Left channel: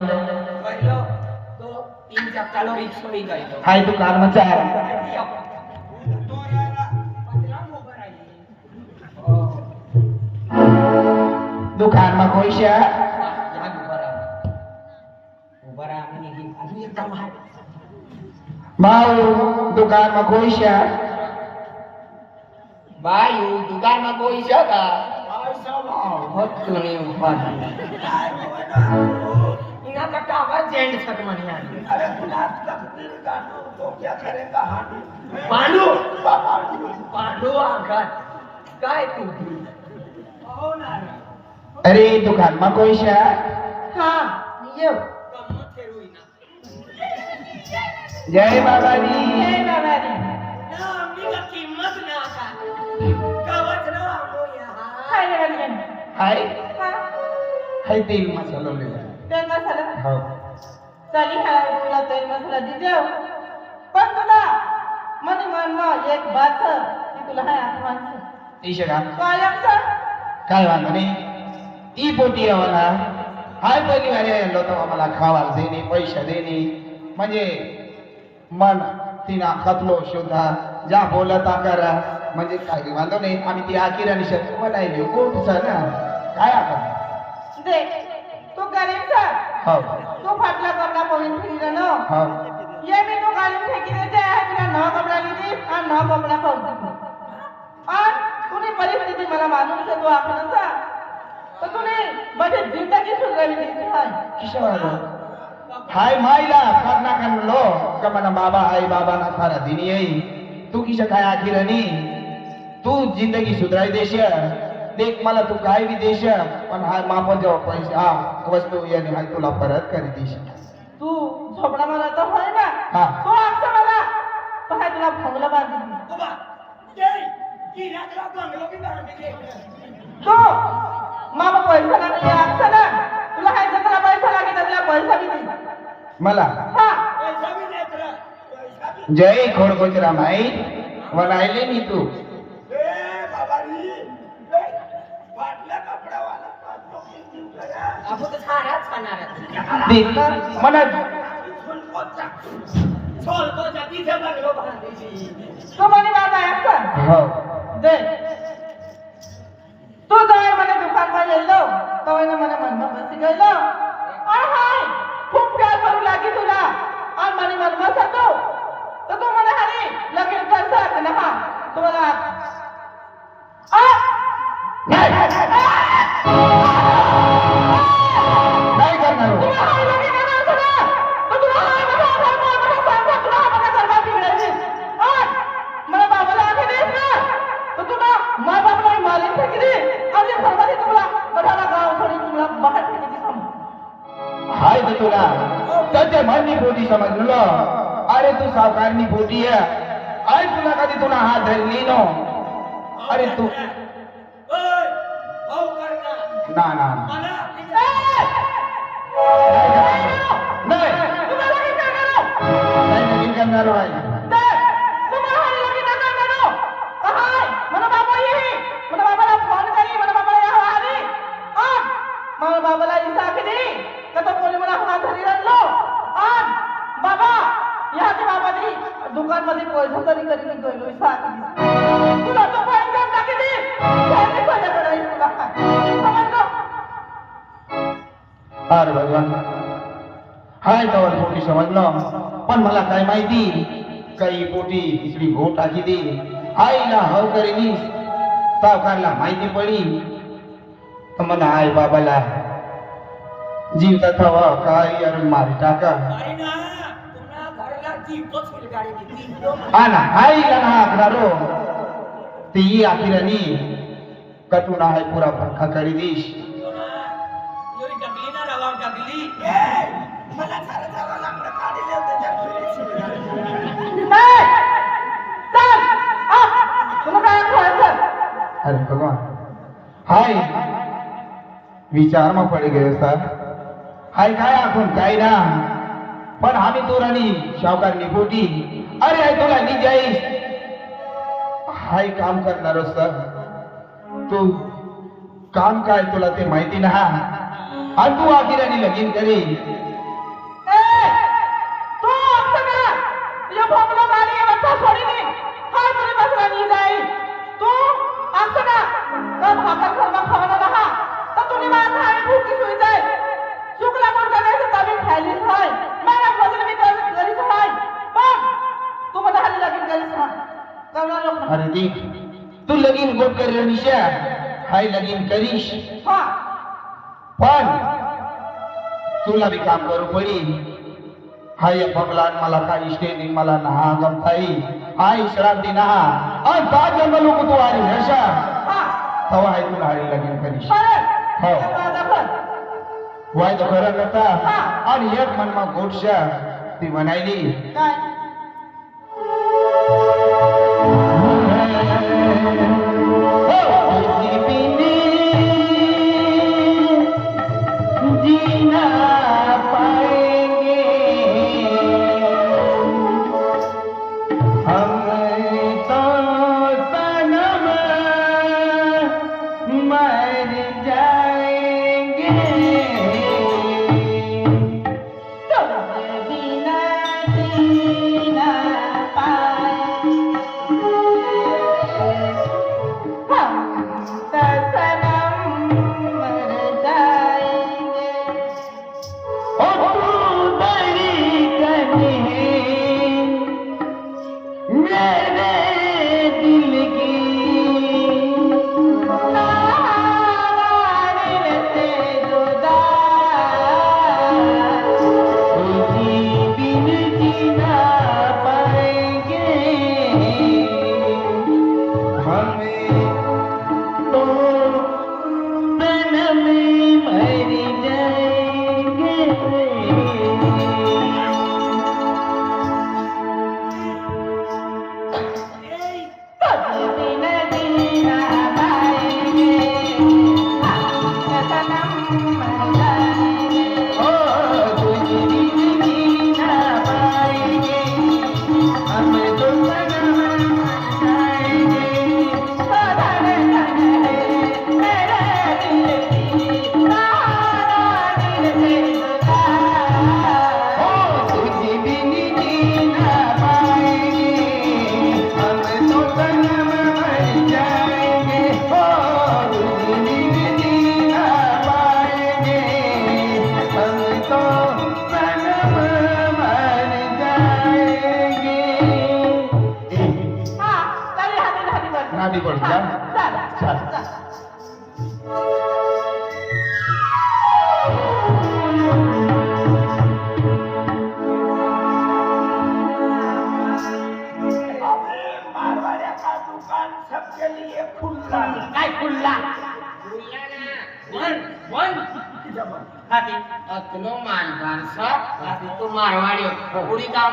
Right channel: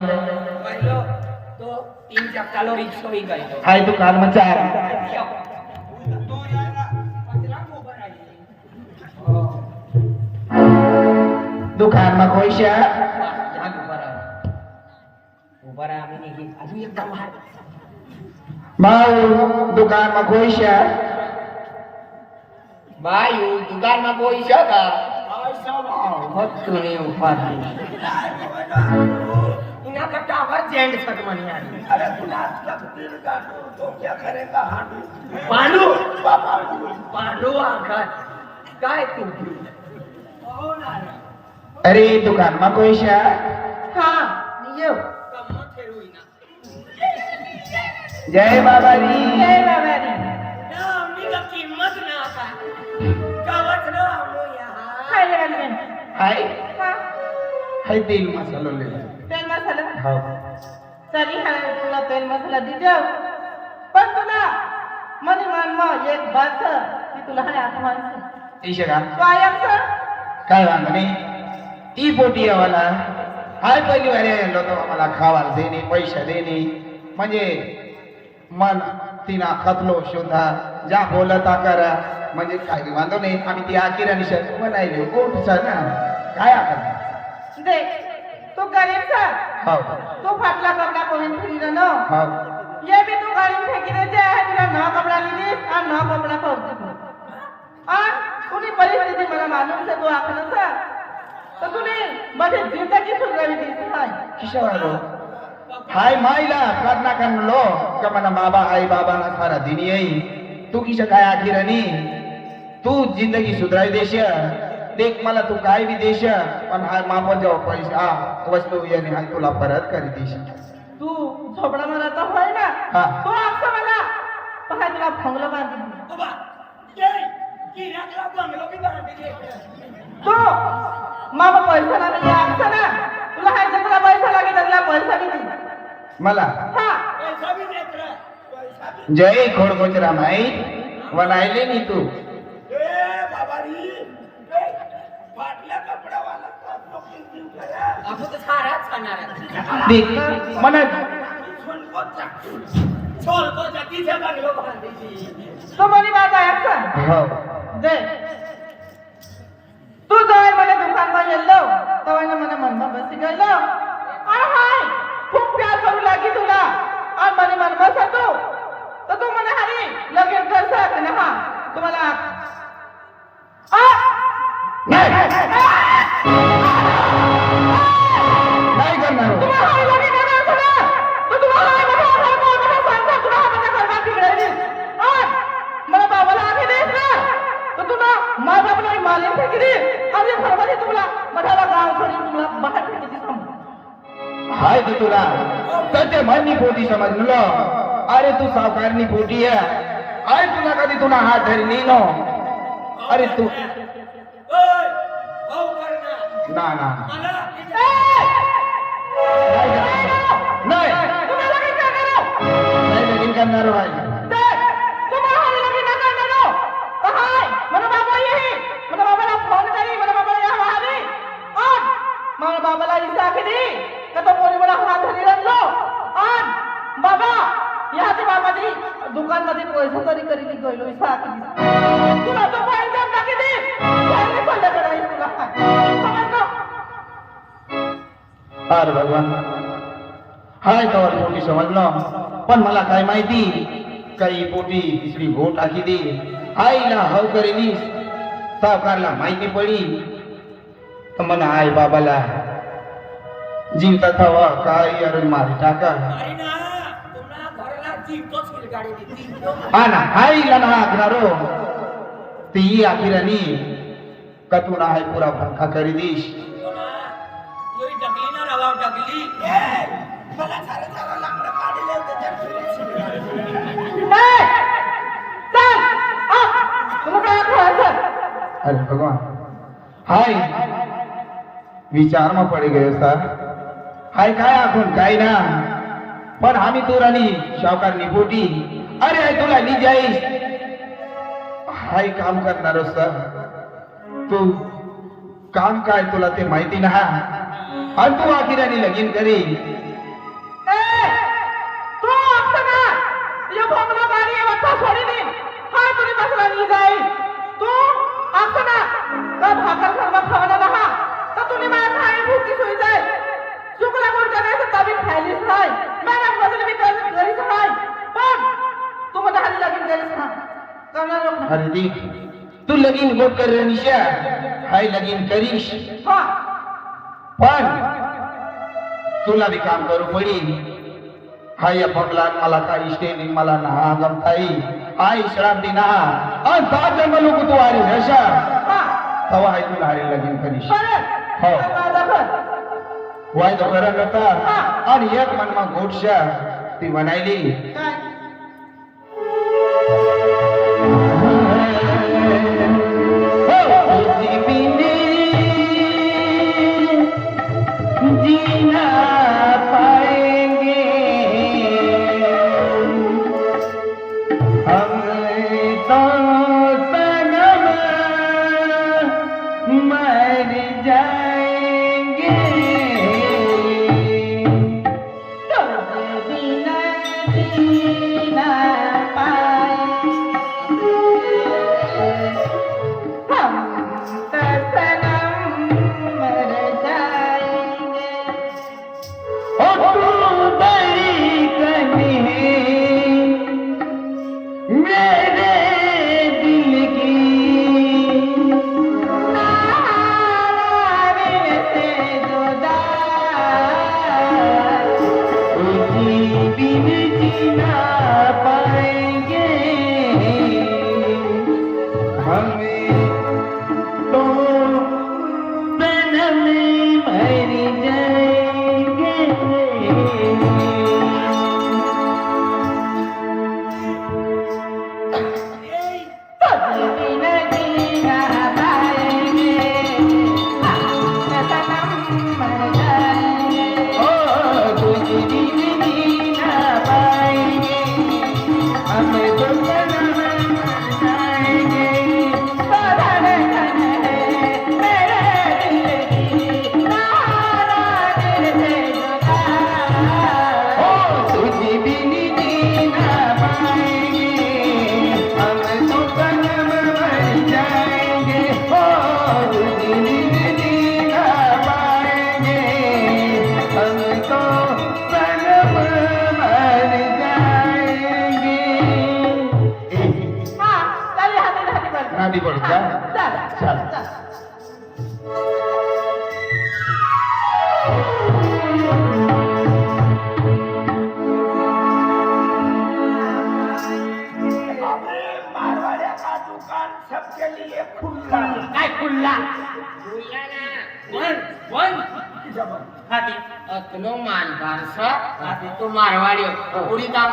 पहिलो तो 3 चक्कालो रिक्षो ही गयो हाय तू कार में चार तो यार पतला मोबर आई दुकान में कोई शे यहाँ ऊपर आ मैंने की अभी एकदम है बाऊ दुकान में कोई शे बायू दुकान में कोई जगह बहुत तुमने ऊपर इना कट्टा आवाज जेंट सक मनी अरे गुलाब तकदीर का नूर तो क्या करेगा पांडू पांडू आकर काय तू हो ना अरे दुकान में कोई शे हां यो कम फेरू इना जय बाबा जी जय बाबा जी ना हमनी का कीमत ना का कवच ना हमो यहां हाय लगन हाय हाय तेल मसाला ले तेल मसाला हो चली हा तुला तेल मसाला दीजो पण तुला मन में एक बात की तुला हाय आत्मान इशे का कायम सर काय वांधो नाही ती पोटी आम्हाला हाय पहिली वारे आलो तो आम्हाला खावाला देणे पैसे देणे म्हणजे मन तिना खतलो शोधा जा बोलता करा म्हणजे काही वांधो नाही आम्ही ती आकिरानी शब्द म्हणायले कोणचा ना काय आपण देख तू गरीब सर हो तू फाटला कपड़ा पहन फिर न हो ये भी तू गाड़ी फेंकी दे जाए है तुला नवा कपड़ा ली दी और नवा कपड़ा पहन दी और तूने परिस्थिति मला मालूम से तू आपन सा तो तूने बड़े जिंदगी सुधरवी दी है किशोर हाय मायला करना करलो कमना बाबा आई बाबा ना सारा दिन यही तू किशा काय आखिरानी तू जिंदगी सुधराई देश देख मला तू काय भी देश पण हा माप जाव पैसा वस्तू याने हाय तुला परत करी देश तू झोपड़ा में रहता है ना हाँ। तो आपसे मला तो काय तुला भंगला बांध दी बाबा जय की राखला बंगलो की बांध दे तो मामा पैसा ना दे आपसे ना तुला काय जरा पैसा लागे त्याला पैसा भी दी मला हां पैसा भी देत रहा पैसा भी जय घोड गोचरा माई वनायले नी तू ए बाबारी फाटला कपडा वाला पाच लोक जीव करा अब तो सारा खाना दी मना छोल को जाती से बंगलो बांध दी तो मनी बात आहे आपसे हो दे तू जाय मला दुकान में येलो तो એને મને મનમાં બેસી ગયેલો આ હાય खूप प्यार करू लागी तुला आ મને મનમાં હતો તો તું મને હારી લગન કરશે કે ના तुम्हाला आ नाही करणार हो. तुम्हाला हारी लगन करायचं ना तो तुम्हाला हारी मला सांगतो तुला मला करवा बिघडायची आ मला बाबाला आधी देस ना तो तुला माय बापला मारून फेकली आणि सर्वांनी तुला गठाला गाव सोडून तुला बाहेर फेकली सांग हाय ती तुला त्याच्या म्हणनी पोटी समजलो अरे तू सावकारनी पोटी आहे अरे तुला कधी तुला हात धरी नाही नो अरे तू ओय हो करना ना ना मला नाही तुम्हाला काय करणार नाही लगीन करणार बाई तुम्हाला हारी लगी ना करणार हाय मला बाबा येई मला बाबाला फोन करी मला बाबाला या हारी आज मला बाबाला इसा केली तर तो कोणी मला हात धरी आणलो आज बाबा याचे बाबाजी दुकान मध्ये पैसे तरी करी गेलो इसा केली तुला तो पैसे टाकी दे पैसे पैसे करायचे तुला समजलो अरे भगवान हाय तर पोटी समजलो पण मला काय माहिती काही पोटी तिसरी भोट टाकी दे आईला हव करेनी सावकारला माहिती पडी तर म्हणा आई बाबाला जीवता थवा काय अरे मारी टाका अरे ना तुम्हाला घरला जीवतो सील गाडी दी जीवतो हा ना आईला ना आग्रारो ती आखिरानी कटुना हाय पुरा पंखा करी दीश ना योई डगली ना रवा डगली मला सारा सारा लाकडं काढले होते त्यात फिरायची नाही चल तुला काय करायचं अरे भगवान हाय विचार में पड़ गए सर हाय काय आपण काय ना पण आम्ही तुरानी शावकार निपोटी अरे हाय तुला नी जाईस हाय काम करणार सर तू काम काय तुला ते माहिती ना आणि तू आखिराने लगीन करी तू आमचं का या भोंगलो गाडी वरचा सोडी दे हाय तुझी बसला नाही जाई तू आमचं का तर भाकर सर्व खावला रहा तर तुम्ही मला खाई भूकी सुई जाय चुकला कोण करायचं तभी खायलीच नाही मला बदल मी करीच नाही पण तू मला हाली लगीन करीस ना करणार नको अरे दी तू लगीन गोट कर निशा हाय लगीन करीश हा पण तुला बी काम करू पडी हाय फगला मला काही इष्टे नाही मला ना गमताई हाय श्रांती ना आणि पाच जन्म लोक तू आले हशा हा तवा हाय तुला हाय लगीन करीश हो दाखल वाय तो खरं करता आणि एक मनमा गोटशा ती म्हणायली काय जीना पाएंगे हम तो सनम मर जाएंगे बिना जीना पाएंगे हम तो सनम मर जाएंगे और तू बड़ी कनी मेरे दिल की नारायण से जुदा जी बिन जीना पाएंगे हमें तो सनम मर जाएंगे तुझ बिना जीना पाएंगे हम तो सनम मर जाएंगे ओ तुझे बिन जीना पाएंगे हमें तो सनम मर जाएंगे तुझे बिन जीना पाएंगे हम तो सनम मर जाएंगे ओ तुझे बिन जीना पाएंगे हम तो सनम मर जाएंगे गाडी पडू का चल अबे मारवाड़िया का दुकान सबके लिए खुला काय खुल्ला खुल्ला ना वन हाती तुलो मानतान सब हाती तू मारवाडी उडी काम